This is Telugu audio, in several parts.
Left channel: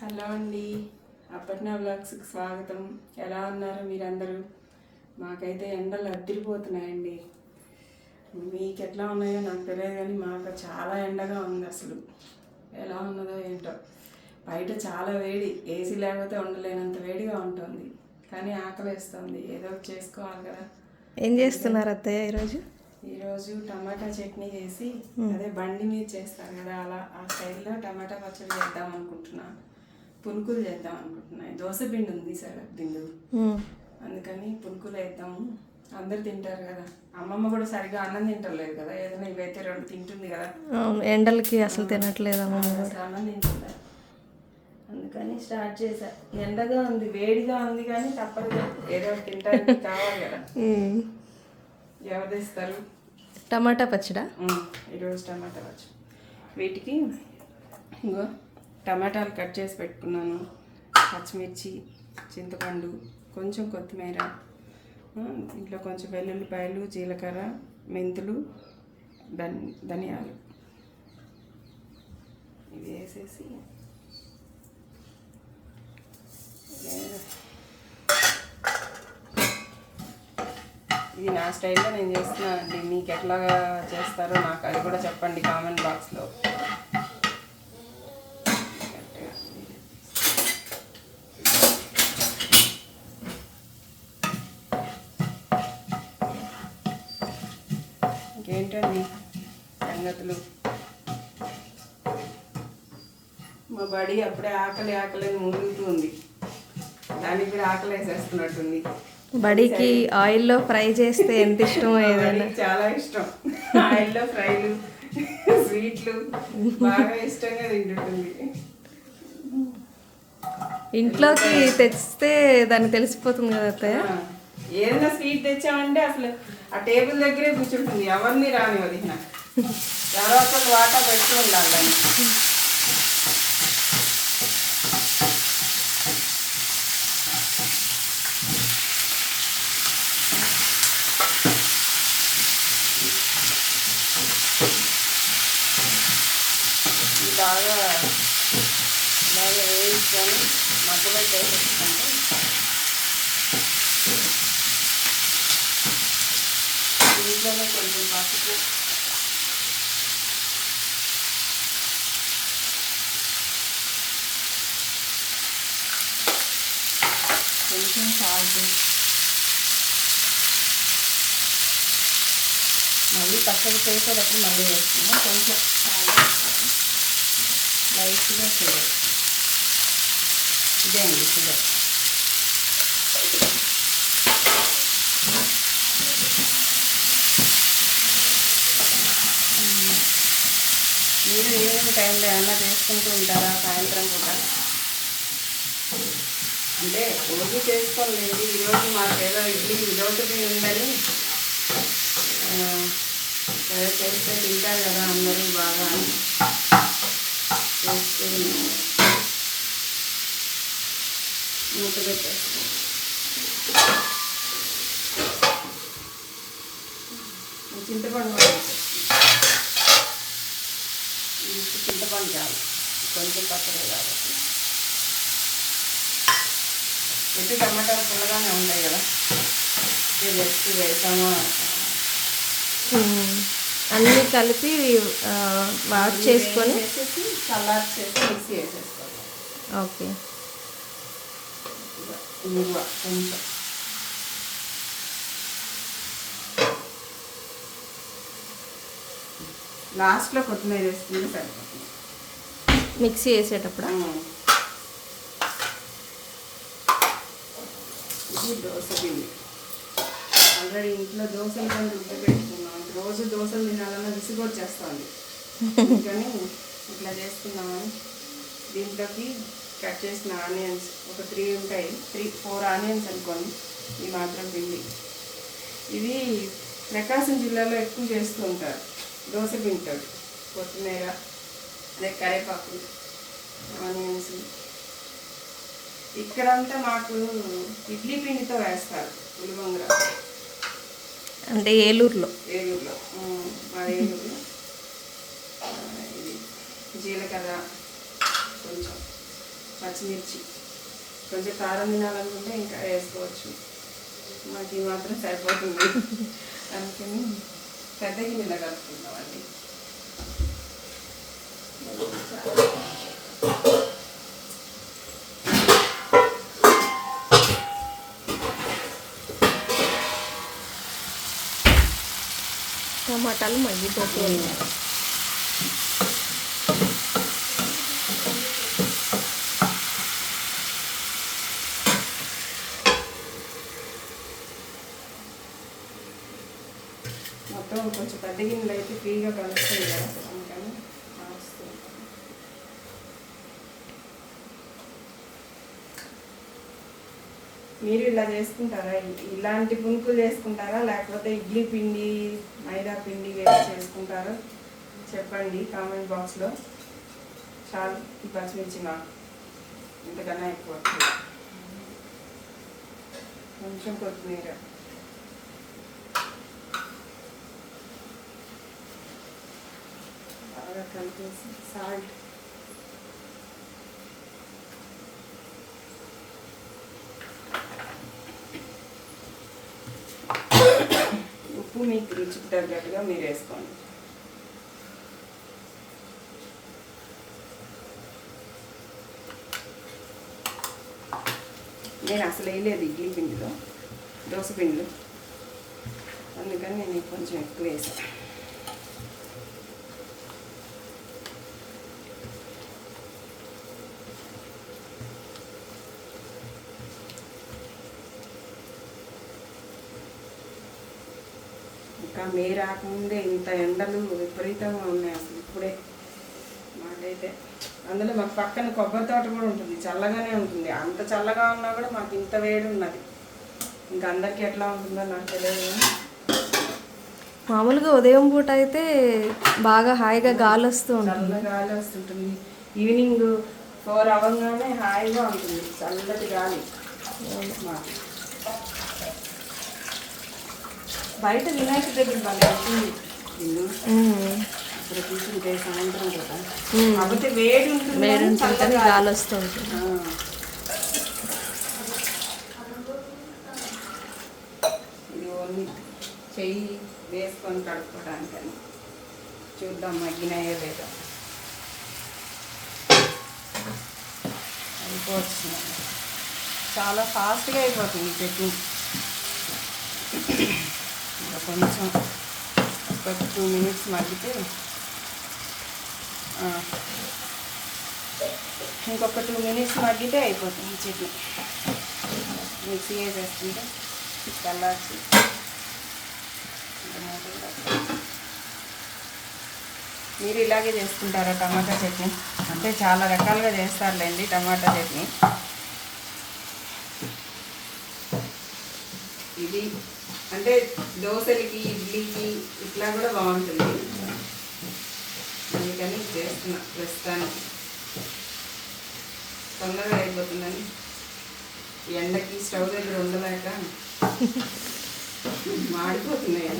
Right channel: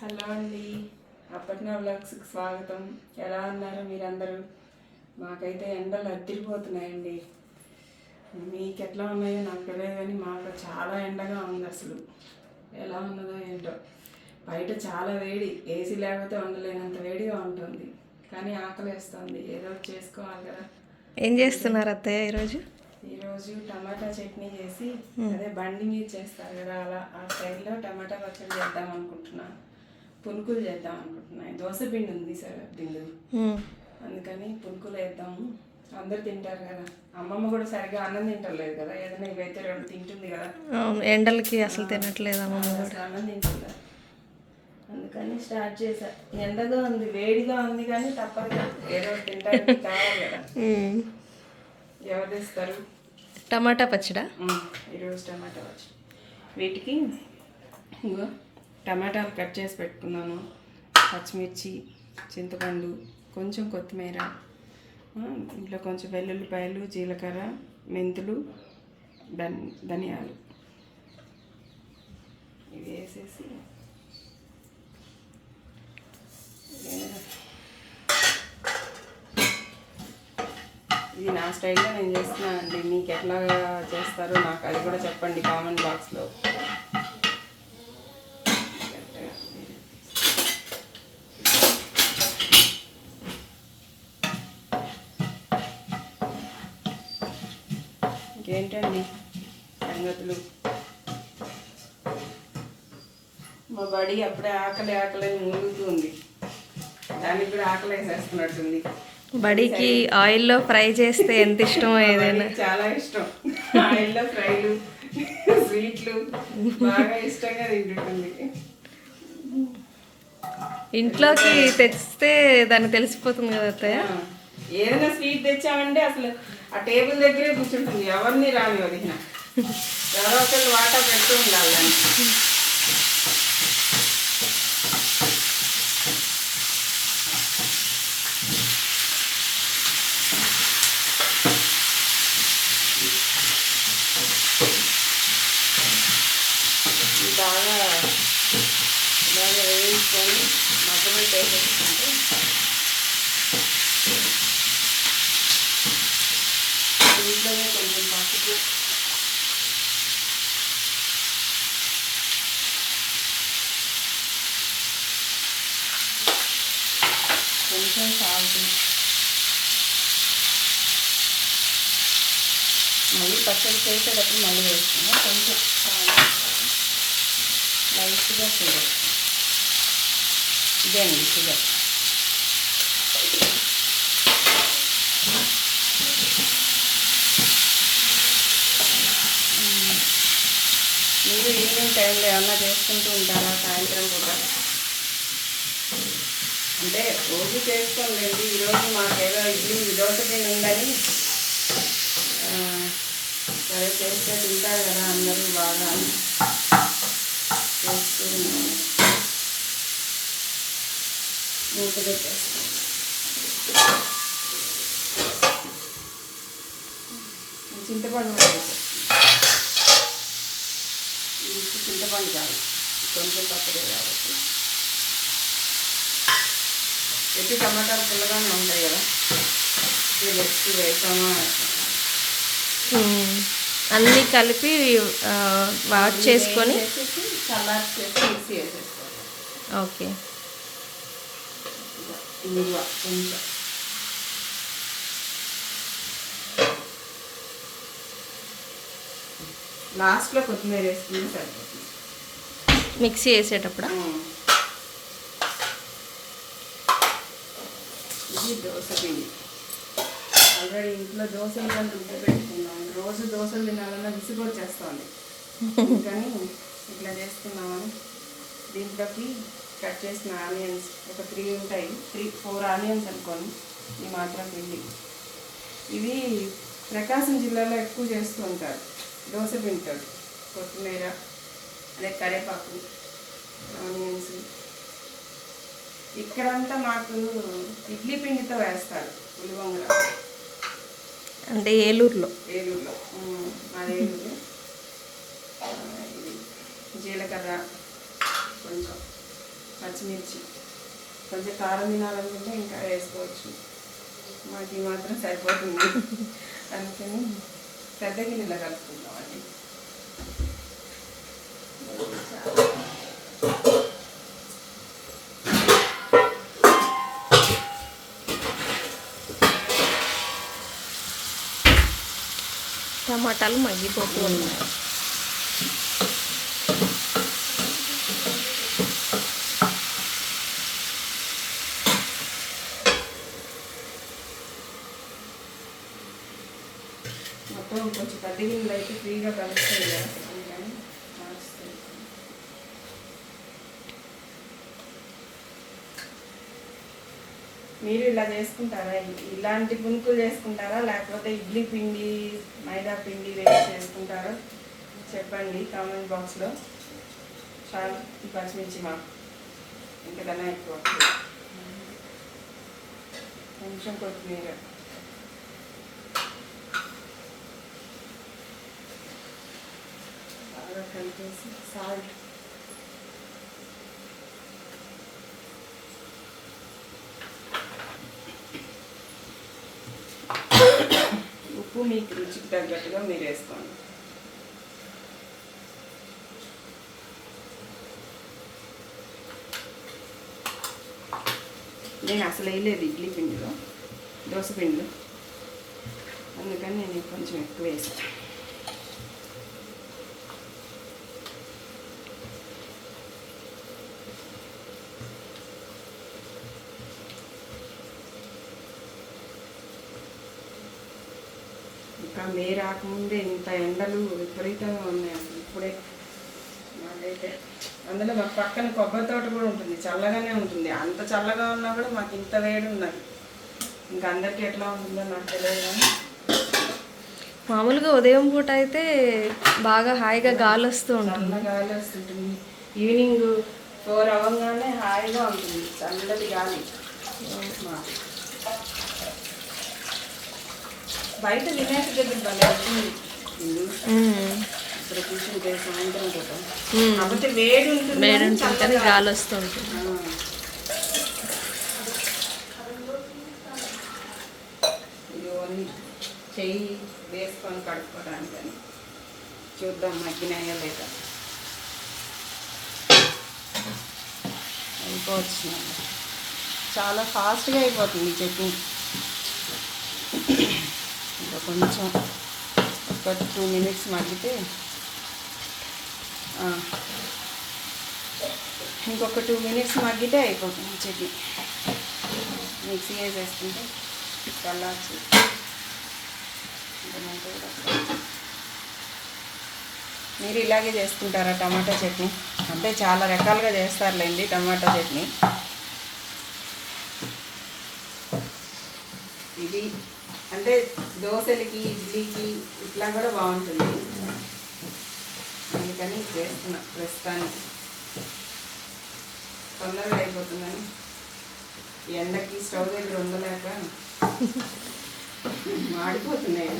హలో అండి. అప్పట్నా బ్లాగ్స్కి స్వాగతం. ఎలా ఉన్నారు మీరందరూ? మాకైతే ఎండలు అద్దరిపోతున్నాయండి మీకు ఎట్లా ఉన్నాయో నాకు తెలియదు కానీ మాకు చాలా ఎండగా ఉంది అసలు. ఎలా ఉన్నదో ఏంటో. బయట చాలా వేడి. ఏసీ లేకపోతే ఉండలేనంత వేడిగా ఉంటుంది. కానీ ఆకలి వేస్తుంది ఏదో చేసుకోవాలి కదా. ఏం చేస్తున్నారు అత్తయ్య ఈరోజు? ఈరోజు టమాటా చట్నీ చేసి అదే బండి మీద చేస్తారు కదా అలా. ఆ స్టైల్లో టమాటా పచ్చడి చేద్దాం అనుకుంటున్నా పునుకులు చేద్దాం అనుకుంటున్నా దోశ పిండి ఉంది సార్ బిందు. అందుకని పునుకులు వేద్దాము అందరు తింటారు కదా. అమ్మమ్మ కూడా సరిగా అన్నం తింటలేదు కదా. ఏదైనా ఇవైతే రెండు తింటుంది కదా. ఎండలకి అసలు తినట్లేదు అమ్మమ్మ కూడా. అన్నం తింటుందా? అందుకని స్టార్ట్ చేశా. ఎండగా ఉంది వేడిగా ఉంది కానీ తప్పదు కదా ఏదో తింటానికి కావాలి కదా. ఎవరు తెస్తారు? టమాటా పచ్చడా. ఈరోజు టమాటా వచ్చి వీటికి ఇంకో టమాటాలు కట్ చేసి పెట్టుకున్నాను పచ్చిమిర్చి చింతపండు కొంచెం కొత్తిమీర ఇంట్లో కొంచెం వెల్లుల్లిపాయలు జీలకర్ర మెంతులు ధనియాలు. ఇవి వేసేసి ఇది నా స్టైల్లో నేను చేస్తున్నానండి. మీకు ఎట్లా చేస్తారో నాకు అది కూడా చెప్పండి కామెంట్ బాక్స్లో ఇంకేంటండి సంగతులు బడి అప్పుడే ఆకలి ఆకలి మూలుగుతూ ఉంది దానికి కూడా ఆకలి వేసేస్తున్నట్టుంది. బడికి ఆయిల్లో ఫ్రై చేస్తే ఎంత ఇష్టమో ఏదైనా? చాలా ఇష్టం. ఆయిల్లో ఫ్రైలు స్వీట్లు బాగా ఇష్టంగా తింటుంటుంది. ఇంట్లోకి తెచ్చితే దానికి తెలిసిపోతుంది కదా అత్తయ్య? ఏదైనా స్వీట్ తెచ్చామంటే అసలు ఆ టేబుల్ దగ్గరే కూర్చుంటుంది. ఎవరిని రాని వదిన ఎవరో ఒకరు వాటా పెడుతూ ఉండాలి బాగా బాగా వేయించుకొని మధ్యలో వేసేసుకుంటే దీంట్లోనే కొంచెం పసుపు. కొంచెం సాల్ట్. మళ్ళీ పచ్చడి చేసేటప్పుడు మళ్ళీ వేస్తున్నాం కొంచెం సాల్ట్. లైట్గా షుగర్ ఇదే అండి షుగర్ మీరు ఈవినింగ్ టైంలో ఏమన్నా చేసుకుంటూ ఉంటారా సాయంత్రం కూడా అంటే రోజు చేసుకోలేదు ఈరోజు మాకేదో ఇడ్లీ విదౌట్ ఉందని సరే చేస్తే తింటారు కదా అందరూ బాగా అని మూత పెట్టేస్తాం చింతపండు చింతపండు కాదు కొంచెం పచ్చడి కాబట్టి ఎట్టి టమాటాలు పుల్లగానే ఉంటాయి కదా ఇది ఎక్కువ వేసామా అన్నీ కలిపి వాట్ చేసుకొని? ఓకే. లాస్ట్లో కొత్తిమీర వేసుకుంటే సరిపోతుంది. మిక్సీ వేసేటప్పుడు దోశ పిండి ఆల్రెడీ ఇంట్లో దోశలు ఉంటే పెట్టుకున్నాను రోజు దోశలు తినాలన్నా విసుగు చేస్తుంది అందుకని ఇట్లా చేస్తున్నాము దీంట్లోకి కట్ చేసిన ఆనియన్స్ ఒక త్రీ ఉంటాయి త్రీ ఫోర్ ఆనియన్స్ అనుకోండి ఈ మాత్రం పిండి. ఇవి ప్రకాశం జిల్లాలో ఎక్కువ చేస్తూ ఉంటారు. దోశ పింటారు కొత్తిమీర అదే కరేపాకు ఆనియన్స్. ఇక్కడంతా మాకు ఇడ్లీ పిండితో వేస్తారు ఉలివంగర అంటే ఏలూరులో. ఏలూరులో. ఏలూరు. జీలకర్ర కొంచెం పచ్చి పచ్చిమిర్చి. కొంచెం కారం తినాలనుకుంటే ఇంకా వేసుకోవచ్చు. మాకు ఈ మాత్రం సరిపోతుంది. అందుకని పెద్ద గిన్నెలో కలుపుకుందామండి టమాటాలు మగ్గిపోతూ ఉన్నాయి మొత్తం కొంచెం పెద్ద గిన్నెలు అయితే ఫ్రీగా కలుస్తాయి కదా అందుకని మారుస్తాయి. మీరు ఇలా చేసుకుంటారా? ఇలాంటి పునుకులు చేసుకుంటారా? లేకపోతే ఇడ్లీ పిండి మైదా పిండి వేసి చేసుకుంటారా? చెప్పండి కామెంట్ బాక్స్లో. చాలా పచ్చిమిర్చి మా ఇంతకన్నా ఎక్కువ. కొంచెం కొత్తిమీర. బాగా కలిపేసి సాల్ట్. ఉప్పు మీకు రుచికి తగ్గట్టుగా మీరు వేసుకోండి నేను అసలు వేయలేదు ఇడ్లీ పిండిలో. దోశ పిండిలో అందుకని నేను కొంచెం ఎక్కువ వేసాను. మే రాకముందే ఇంత ఎండలు విపరీతంగా ఉన్నాయి అసలు ఇప్పుడే. మాకైతే అందులో మాకు పక్కన కొబ్బరి తోట కూడా ఉంటుంది చల్లగానే ఉంటుంది. అంత చల్లగా ఉన్నా కూడా మాకు ఇంత వేడి ఉన్నది. ఇంకా అందరికీ ఎట్లా ఉంటుందో నాకు తెలియదు కానీ. మామూలుగా ఉదయం పూట అయితే బాగా హాయిగా గాలి వస్తూ ఉంటుంది. గాలి వస్తుంటుంది ఈవినింగ్ ఫోర్ అవ్వగానే హాయిగా ఉంటుంది. చల్లటి గాలి. మాకు. బయట వినాయక దగ్గర. ఇక్కడ కూర్చుంటే సాయంత్రం పూట ఉమ్. కాకపోతే వేడి ఉంటుంది వేడి గాలి వస్తుంటుంది ఆ. ఇది ఓన్లీ చెయ్యి వేసుకొని కడుక్కోవడానికని చూద్దాం మగ్గినాయో లేదా. అయిపోవచ్చు. చాలా ఫాస్ట్గా అయిపోతుంది ఈ చట్నీ. కొంచెం ఒక టూ మినిట్స్ మగ్గితే ఇంకొక టూ మినిట్స్ మగ్గితే అయిపోతుంది ఈ చట్నీ. మిక్సీ వేసేసుకుంటే చల్లార్చి కూడా మీరు ఇలాగే చేసుకుంటారా టమాటా చట్నీ? అంటే చాలా రకాలుగా చేస్తారులేండి టమాటా చట్నీ. ఇది అంటే దోశలకి ఇడ్లీకి ఇట్లా కూడా బాగుంటుంది. అందుకని చేస్తున్నా ప్రస్తుతానికి. తొందరగా అయిపోతుందని. ఎండకి స్టవ్ దగ్గర ఉండలేక మాడిపోతున్నాయి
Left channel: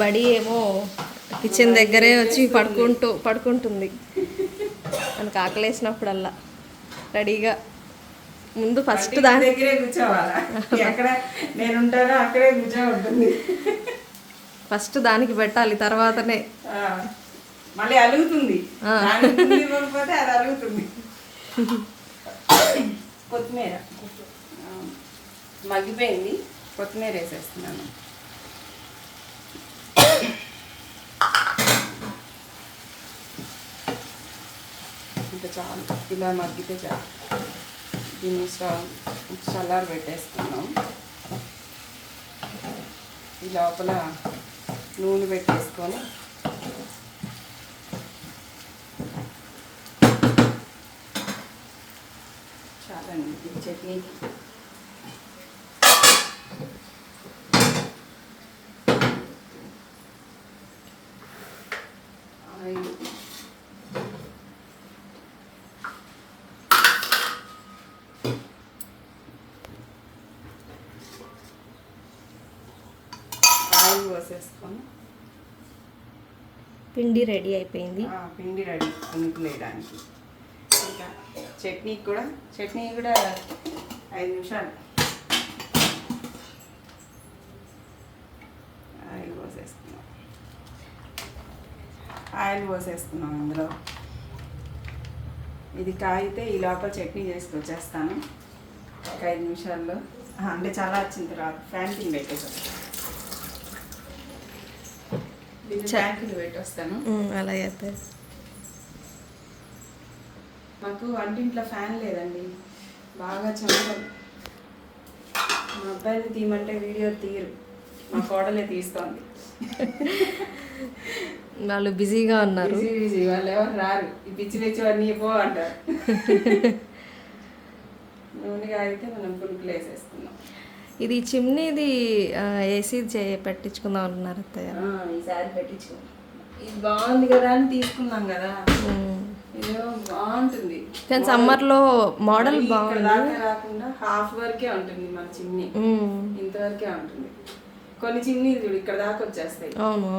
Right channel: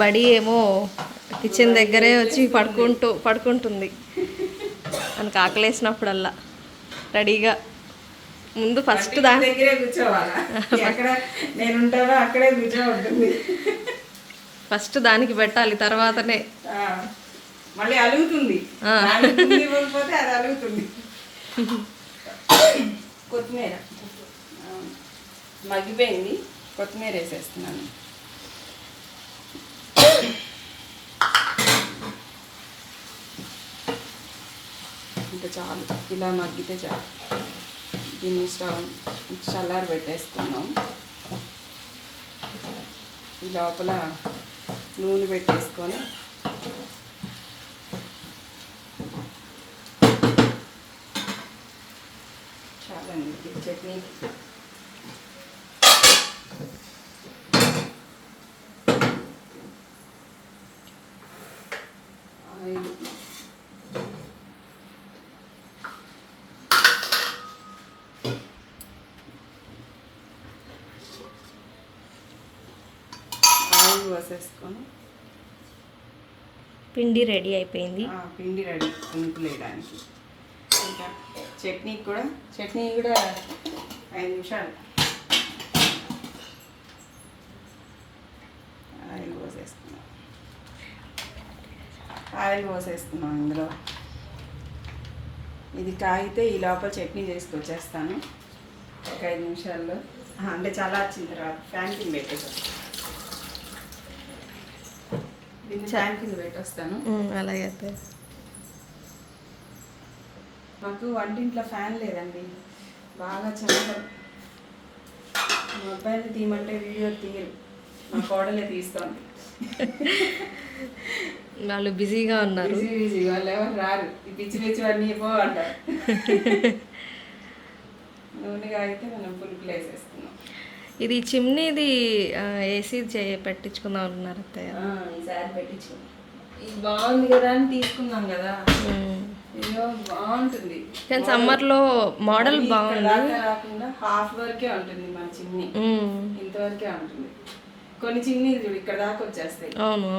బడి ఏమో కిచెన్ దగ్గరే వచ్చి పడుకుంటూ పడుకుంటుంది. మనకు ఆకలేసినప్పుడల్లా రెడీగా. ముందు ఫస్ట్ అంటే దా ఇంటి దగ్గరే కూర్చోవాలా? ఎక్కడ నేను ఉంటానో అక్కడే కూర్చోబడుతుంది. ఫస్ట్ దానికి పెట్టాలి తర్వాతనే. మళ్ళీ అలుగుతుంది. అది అలుగుతుంది. కొత్తిమీర. మగ్గిపోయింది. కొత్తిమీర వేసేస్తున్నాను. ఇంకా చాలు. ఇలా మగ్గితే చాలు. దీన్ని చల్లారి పెట్టేసుకున్నాం ఈ లోపల నూనె పెట్టేసుకొని చాలండి చట్నీ ఆయిల్ ఆయిల్ పోసేసుకొని పిండి రెడీ అయిపోయింది. ఆ, పిండి రెడీ పునుకులు వేయడానికి ఇంకా చట్నీ కూడా చట్నీ కూడా ఐదు నిమిషాలు. ఆయిల్ పోసేస్తున్నాం. ఆయిల్ పోసేస్తున్నాం ఇందులో. ఇది కాగితే ఈ లోపల చట్నీ చేసుకొచ్చేస్తాను. ఒక ఐదు నిమిషాల్లో. అంటే చాలా వచ్చిన తర్వాత. ఫ్యాన్ కింద పెట్టేసాను పెట్టేస్తాను అయితే మాకు వంటింట్లో ఫ్యాన్ లేదండి. బాగా చల్లగా మా అబ్బాయిని తీయమంటే వీడియో తీయరు. మా కోడలే తీస్తోంది. వాళ్ళు బిజీగా ఉన్నారు. Busy busy. వాళ్ళు ఎవరు రారు. ఈ పిచ్చి పిచ్చి అన్నీ పో అంటారు. నూనెగా అయితే మనం పులుపులు వేసేసుకున్నాం ఇది చిమ్నీది ఏసీ చే పెట్టించుకుందాం అనుకున్నారు అత్తయ్య. ఈసారి పెట్టించు ఇది బాగుంది కదా అని తీసుకున్నాం కదా. బాగుంటుంది. కానీ సమ్మర్లో మోడల్ బాగుంది. హాఫ్ వరకే ఉంటుంది మన చిమ్నీ. ఇంతవరకే ఉంటుంది. కొన్ని చిన్నీలు చూడు ఇక్కడ దాకా వచ్చేస్తాయి. అవును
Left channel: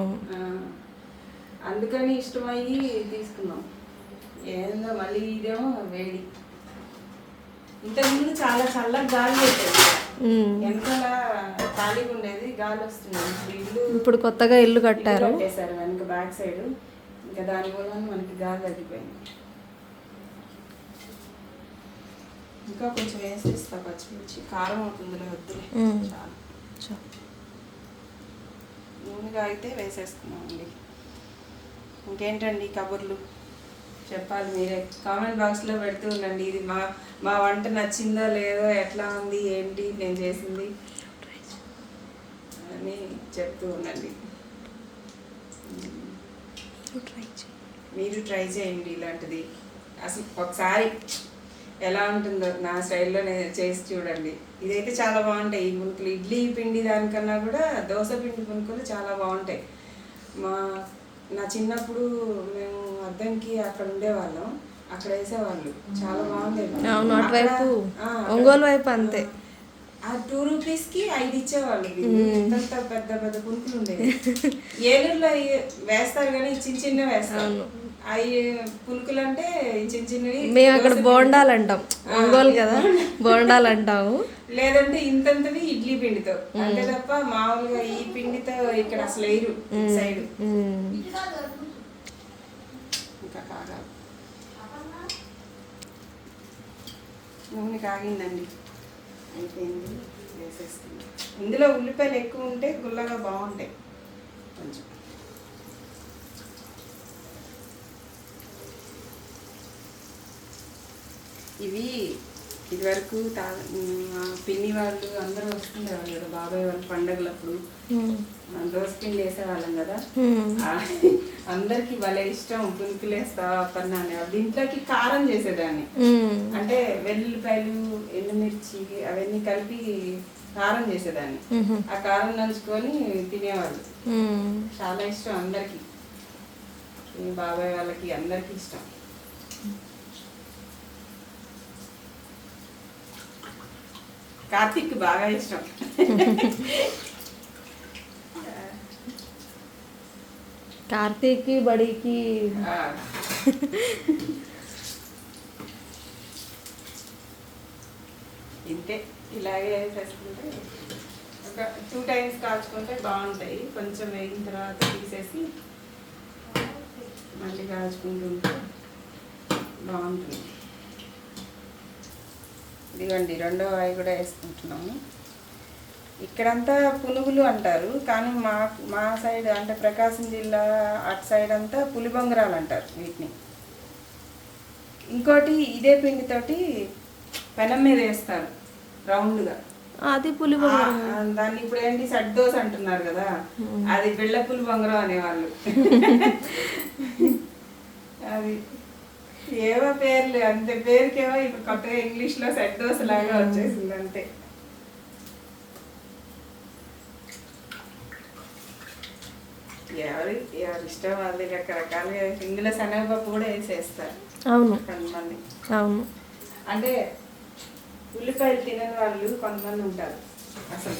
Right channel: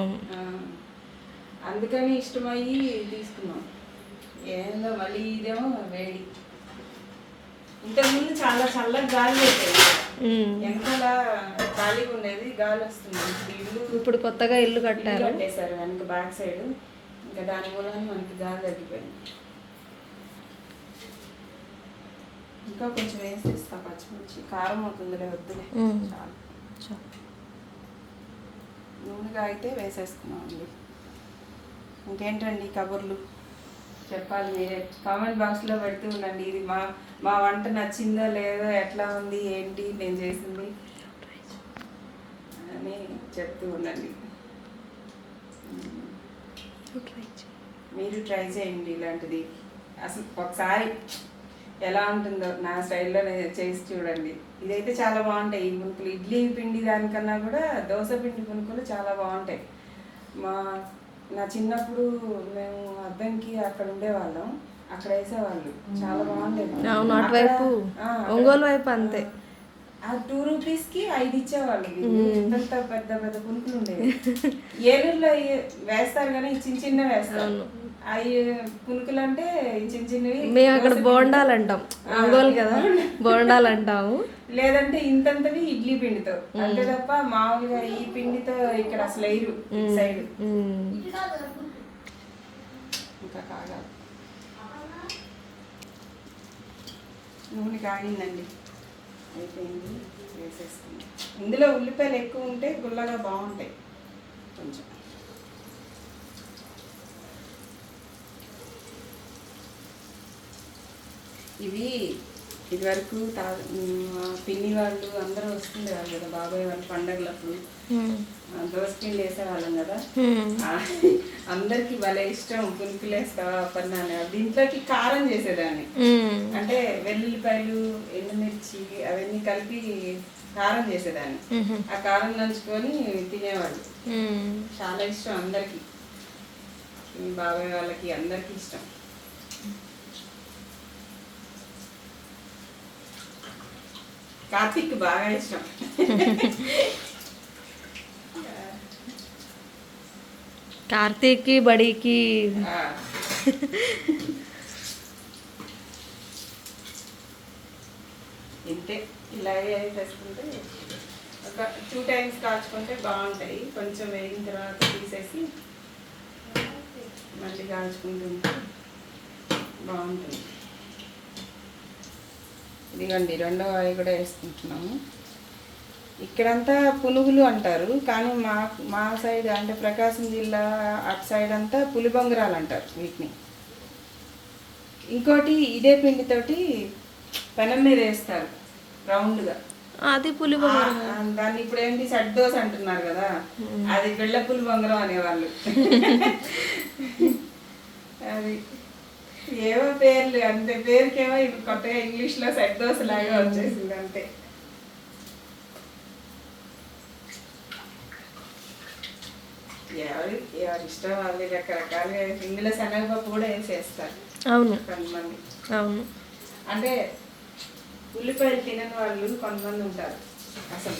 అందుకని ఇష్టమయ్యి తీసుకున్నాం. ఏందో మళ్ళీ ఇదేమో వేడి. ఇంతకుముందు చాలా చల్లగా గాలి పెట్టేది. వెనకాల ఖాళీగా ఉండేది గాలి వస్తుంది. ఇప్పుడు ఇల్లు ఇప్పుడు కొత్తగా ఇల్లు కట్టారు. కట్టేశారు వెనక బ్యాక్ సైడ్. ఇంకా దాని మూలన మనకి గాలి తగ్గిపోయింది. ఇంకా కొంచెం వేసేస్తా పచ్చిమిర్చి. కారం అవుతుందిలే వద్దులే. చాలా. నూనెగా అయితే వేసేసుకున్నామండి. ఇంకేంటండి కబుర్లు? చెప్పాలి మీరే. కామెంట్ బాక్స్లో పెడుతూ ఉండండి. ఇది మా మా వంట నచ్చిందో లేదో ఎట్లా ఉంది ఏంటి నేను చేసింది? అని చెప్తూ ఉండండి. మీరు ట్రై చేయండి ఇలాంటిది. అసలు ఒకసారి ఎలా ఉంటుందో నా స్టైల్లో చేసి చూడండి. ఇదైతే చాలా బాగుంటాయి. ఈ పునుకులు ఇడ్లీ పిండి దానికన్నా కూడా దోశ పిండి పునుకులు చాలా బాగుంటాయి. మా నా చిన్నప్పుడు మేము అద్దంకి అక్కడ ఉండేవాళ్ళం. అక్కడ వేసేవాళ్ళు. చాలా బాగుండేది. అవును అటువైపు ఒంగోలు వైపు అంతే. ఆ టూ రూపీస్కి ఐదు ఇచ్చేవాళ్ళు పెద్ద పెద్ద పునుకులు ఉండేవి. ఏలూరులో వేస్తారు కానీ చిన్న చిన్న వేస్తారు. అవి పునుకులు అంటే చిన్న చిన్నవి మేము అక్కడ బోండాలు అంటాం. ఒంగోలు కదా? బోండాలు అంటాము. లేదంటే ఇంతంతవి ఇడ్లీ పిండితో. అంతే తప్ప మామూలుగా ఈ పిండితో ఇక్కడ అసలు వేయరు. సైడ్. ఇంకా కాగాలి నూనె కాగిందండి. అయిపోయింది. వేసేస్తుంది ఇందులో ఉల్లిపాయలు ఎక్కువ ఉంటే గుల్లగా బాగుంటాయి. కొంచెం. ఇవి ఇదివరకు తా పిన్ని వాళ్ళు అందరూ వస్తుండేవాళ్ళు కదా బాబాయ్ వాళ్ళు పండగలప్పుడు. దోస పిండి వేసేవాళ్ళం కదా. అందరికి భలే ఇష్టం పునుకులేస్తావా పన్నాను దీంట్లోకి కారం చేసేదాన్ని. అంటే వెల్లుల్లిపాయలు ఎండుమిర్చి అవన్నీ కలిపి కారం చేసేదాన్ని. ఆ కారం నంచుకొని తినేవాళ్ళు. చాలా ఇష్టం అందరికి. బాబాయ్ వాళ్ళకి అందరికి ఇష్టం. కార్తీక్ బాగా ఇష్టం కార్తీక్కి బడికి ఆ. ఇంతే ఇలాగే వేసేసుకుంటే ఒక టూ టైమ్స్ కాల్చుకుంటే బాగుంటాయి కొంచెం వేగిన తర్వాత తీసేసి మళ్ళీ కాల్చుకుంటుంటే బాగుంటుంది ఇదిగండి రెండో అవి కూడా వేసుకుంటున్నాము. ఇక్కడంతా పునుగులు అంటారు కానీ మా మా సైడ్ అంటే ప్రకాశం జిల్లా అటు సైడ్ అంతా పులిబొంగరాలు అంటారు వీటిని. ఇంకోటి ఇదే పిండితోటి పెనం మీద వేస్తారు రౌండ్గా. అది పులి దాన్ని ఇప్పుడు ఏంటి దోశ అంటున్నారు కదా అది బిళ్ళ పులి బొంగరం అనేవాళ్ళు. అది ఏవో పేర్లు అంతే. పేరుకేమో ఇప్పుడు కొత్తగా ఇంగ్లీష్లో సెట్ దోశ లాగా వచ్చేసింది అంతే. ఎవరి ఎవరి ఇష్టం వాళ్ళది రకరకాలుగా ఇందులో శనగపప్పు కూడా వేసేస్తారు. అవును. కొంతమంది. అవును. అంటే ఉల్లిపాయలు తినని వాళ్ళు కొంతమంది ఉంటారు అసలు.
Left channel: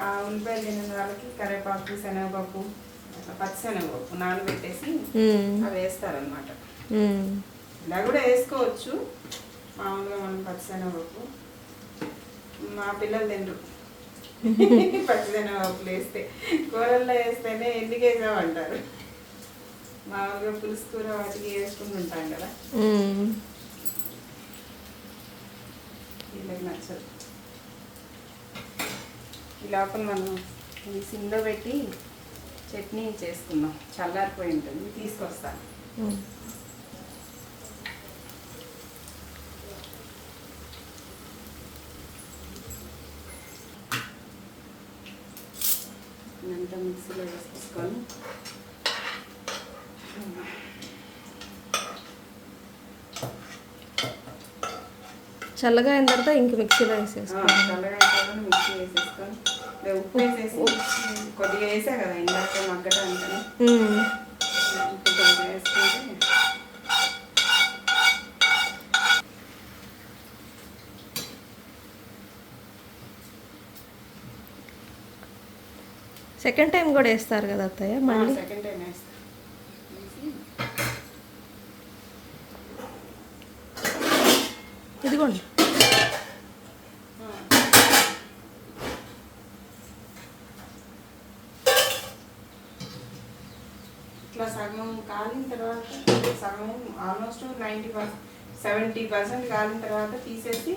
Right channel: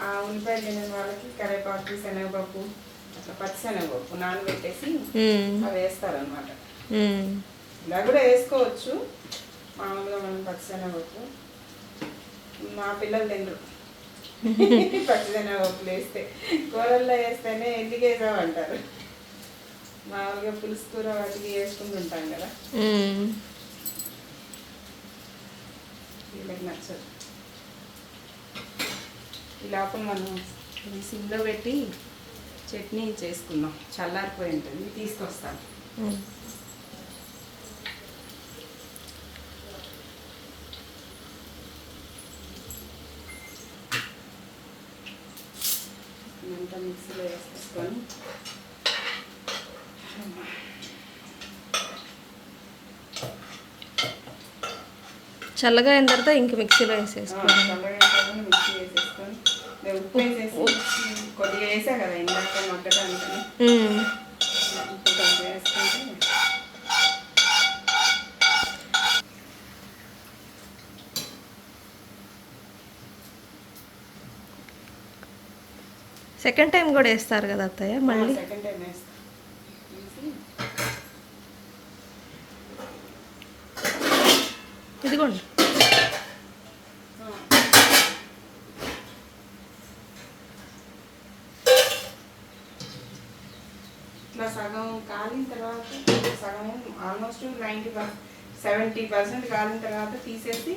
ఆ ఉల్లిపాయలు తినని వాళ్ళకి కరివేపాకు శనగపప్పు అట్లా పచ్చిశనగపప్పు నానబెట్టేసి ఉమ్, అవి వేస్తారనమాట. ఇలా కూడా వేసుకోవచ్చు. మామూలుగా మనం పచ్చిశనగపప్పు మా పిల్లలు తినరు. పచ్చిశనగపప్పులు వేస్తే కూరల్లో వేస్తేనే ఎందుకు వేసామంటారు? మామూలుగా పులుసు కూర వాటికి వేసుకుంటుంటాం కదా. వీళ్ళకి నచ్చదు. ఈ లోపల మనం ఈ సిమ్లో పెట్టి చట్నీ చేసుకుందాం. చల్లారిపోయి ఉంటుంది. తీసుకొస్తాం. ఇదంతా మిక్సీలో వేసేసుకొని చల్లగా అయిన తర్వాత ఇంక మిక్సీలో వేసేసుకోవాలి చల్లగా అయిపోగానే మిక్సీ వేసేసుకొని ఉప్పు వేసేసి కొద్దిగా వేసా కదా ఇందాక కొంచెం వేసుకుంటే సెకండ్ టైం కూడా వేస్తారు కదా అత్తయ్య మళ్ళీ ఇదిగోండి. ఇట్లా సగం కాలిన తర్వాత సగం almost ninety percent seventy percent కాలిన తర్వాత తీసేసి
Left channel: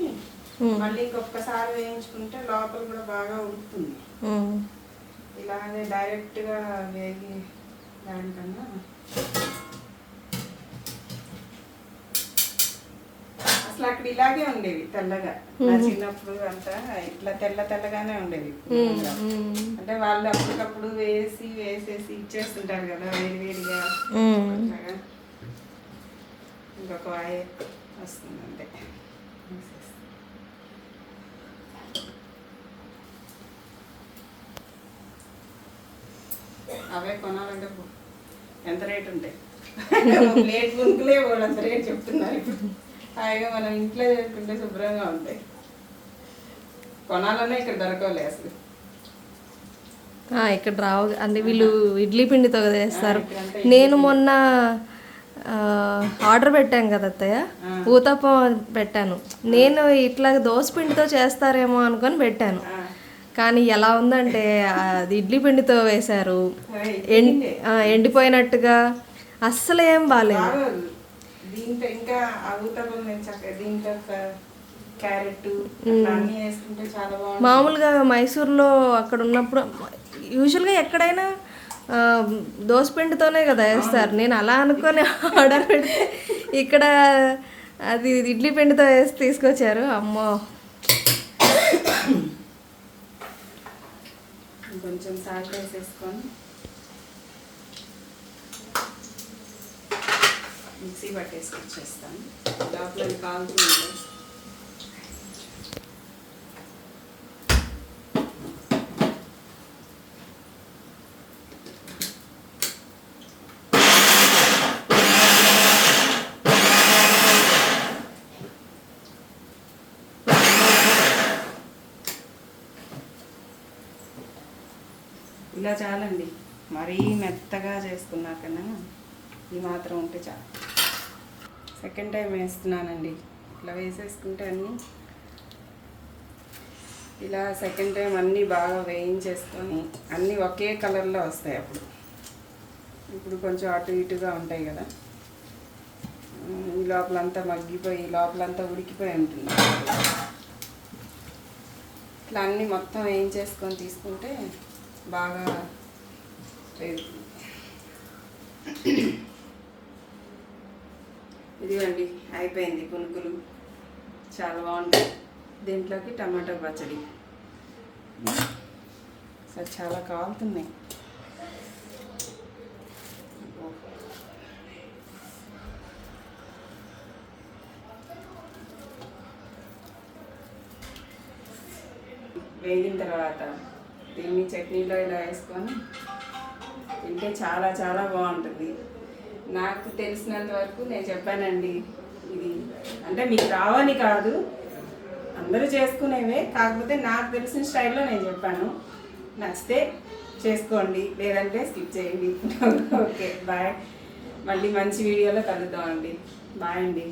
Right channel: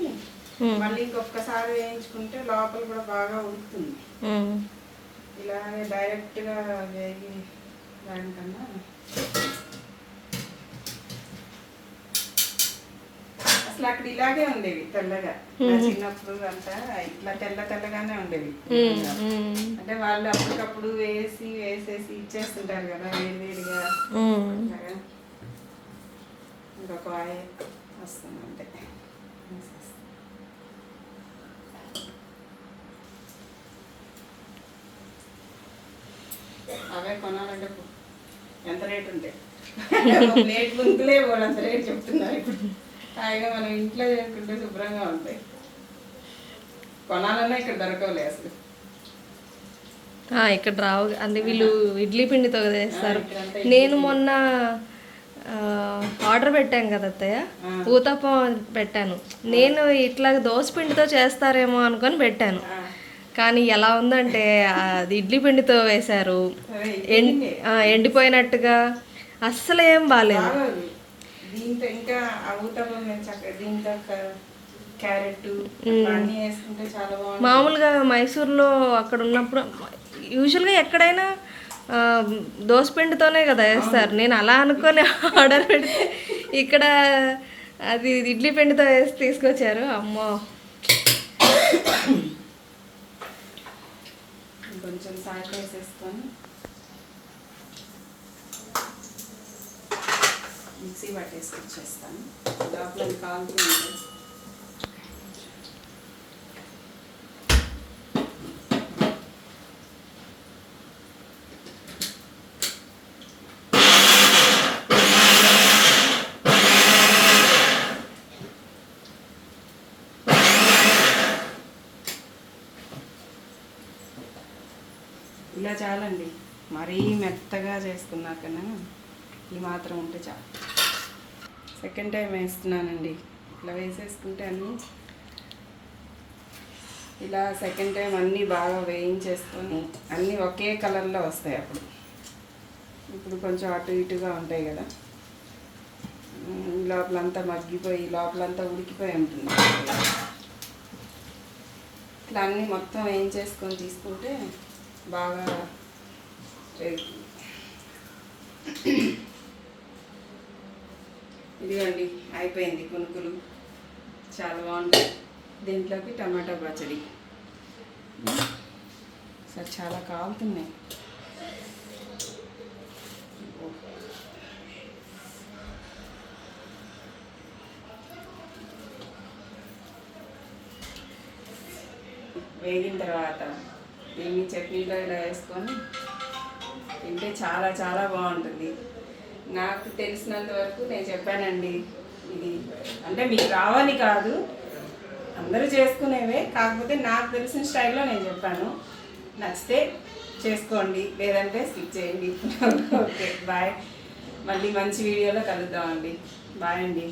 ఉమ్. మళ్ళీ ఇంకొకసారి వేయించుకుంటే లోపల కూడా బాగా ఉడుకుతుంది ఇలాగే డైరెక్ట్గా వేగి దానికన్నా అసలు అక్కడ ఇలాగే ఉండేవి తెల్లగా. నా చిన్నప్పుడు అంతా ఇట్లా తెల్ల తెల్లగానే ఉండేవి. అంటే వాళ్ళు అప్పటికప్పుడు వేసి వేసేసి ఇచ్చేస్తుంటారు కదా వేడివేడిగా. ఇంకొక వస్తుంది అంతే అవే కొనాలంటే ఎంత రేట్ ఉంటాయి ప్లేట్ గుంతులే వాళ్ళంత రేట్ చెప్తున్నారు ఇప్పుడు. హాయిగా మనం ఇంట్లో చేసుకుంటే శుభ్రంగా ఉంటాయి. కొనాలన్నా ఇక్కడ దొరకవులే అసలు. ఇక్కడ రావు అంటే వీళ్ళు ఇడ్లీ పిండితో చేస్తారు. నేను మొన్న ఆర్డర్ పెట్టాను కదా అత్తయ్య. ఊతప్పం పెట్టాను. నేను ఇట్లా దోశ పిండితో చేస్తారేమో అనుకొని పెట్టాను. కానీ ఎలా ఉందంటే అది ఇడ్లీ పిండితో వేశారు. ఎండిపోయినట్టుగా అస్సలు ఏం బాగాలేదు దీంతో ఇంకా దీంతో క్యారెట్ వేసుకుంటే చాలా మామూలుగా మైసూర్లో అక్కడ ఉన్నప్పుడు యూజువల్గా ఎక్కడైనా దోసపిండితోనే కదా వేస్తారు. నేను అలా అనుకొని ఆర్డర్ పెడితే ఇక్కడ అది ఇడ్లీ పిండితో వేసి తీసుకొచ్చారు. అమ్మో! కొంచెం సాల్ట్ వేసేసుకొని మిక్సీ పట్టేసి వచ్చేస్తాను. లోపల కాలుతూ ఉంటాయి ఇలా చాలండి. మరీ మెత్తగా చేసుకున్నాకన్నా ఈ మాత్రం ఉంటే చాలు. సెకండ్ టైం వేస్తున్నానండి. ఇట్లా వేసేసుకుంటే అన్నీ ఇలా సెకండ్ టైం అన్నీ బాగా వేయించేసుకొని అన్నీ ఒకే కలర్లో వస్తాయి అప్పుడు. ఇప్పుడు కొంచెం అటు ఇటుగా ఉంటాయి కదా. ఈ లోపలంతా మగ్గిపోయి లోపలంతా ఉడికిపోయి ఉంటుంది. ఇట్లా అన్నీ మొత్తం వేయించేసుకొని తీసుకుంటే బాగా ఇదిగోండి అయిపోయింది పునుకులు. చాలా బాగుంటాయి దీంట్లోకి టమాటో పచ్చడి. అసలు చాలా కాలుతున్నాయి. వేగిన తర్వాత దీన్ని చట్నీలో ఇలా వేసుకొని తింటే చాలా చాలా బాగుంటుంది. నాకు తెలిసినంత వరకు నేను చెప్పానండి ఇది అంటే మీకు రావని కాదు అందరూ చేసుకునేవే. కాకపోతే నాకు తెలిసిన స్టైల్లో నేను చెప్పాను. నచ్చితే చేసుకోండి లేదంటే స్కిప్ చేయండి. Okay bye. మళ్ళీ మంచి వీడియోలో కలుద్దామండి. బాయ్ అండి.